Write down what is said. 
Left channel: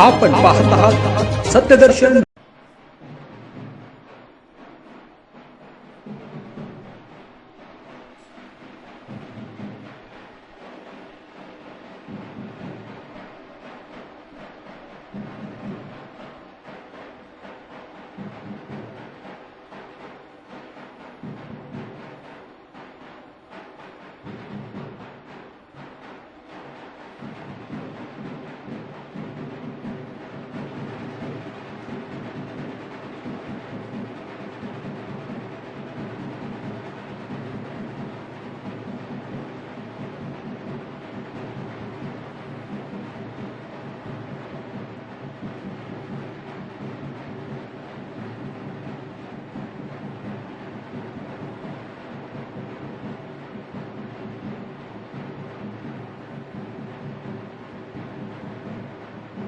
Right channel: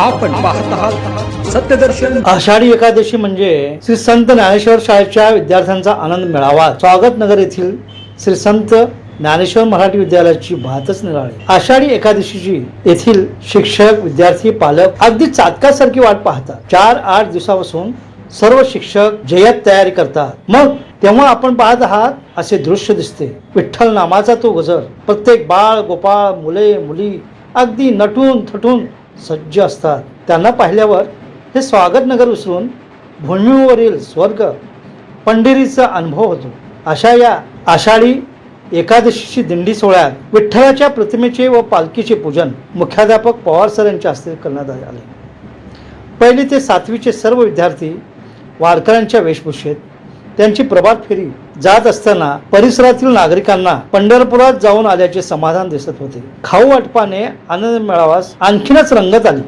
आपण पाहत आहात सत्यदर्शन. आषाढी एकादशी म्हणजे श्री संत ज्ञानेश्वर शाळेच्या विद्यार्थ्यांचा आनंद मिळावा. स्वागत नगर येथील श्री संत ज्ञानेश्वर मराठी विद्यालयाची भातच निघाली आषाढी एकादशीची येथील शिक्षक विद्यार्थी पालक अगदी चातकासारखी वाट पाहतात. चार आठ दिवसापासून सर्व शिक्षक जय्यत तयारी करतात. मग तेव्हा आपण पाहत आहात असे दृश्य दिसते. विठ्ठल नामाचा तो गजर. प्रत्येक बाळ गोपाळ मुले मुली अगदी नटून थटून सज्ज असतात. त्यांना पाहिल्यावर हे स्वागत नगर विसरून भूमीवरील स्वर्ग पंढरीचा अनुभव होतो. अशा या आषाढी एकादशीची दिंडी सोहळ्यात विठ्ठलाच्या प्रतिमेचे व पालखीचे पूजन मुख्याध्यापक पवार सर यांच्या हस्ते करण्यात आले पहिले ते सातवीचे सर्व विद्यार्थी वारकऱ्यांच्या वेशभूषेत त्यांची प्रभात फेरी जात असताना परिसरातील नागरिकांना पंढरपुरात जाऊन आल्याचे समाधान दिसत होते. खाऊ वाटपाने आनंद मेळावास आणखीनच रंगत आली.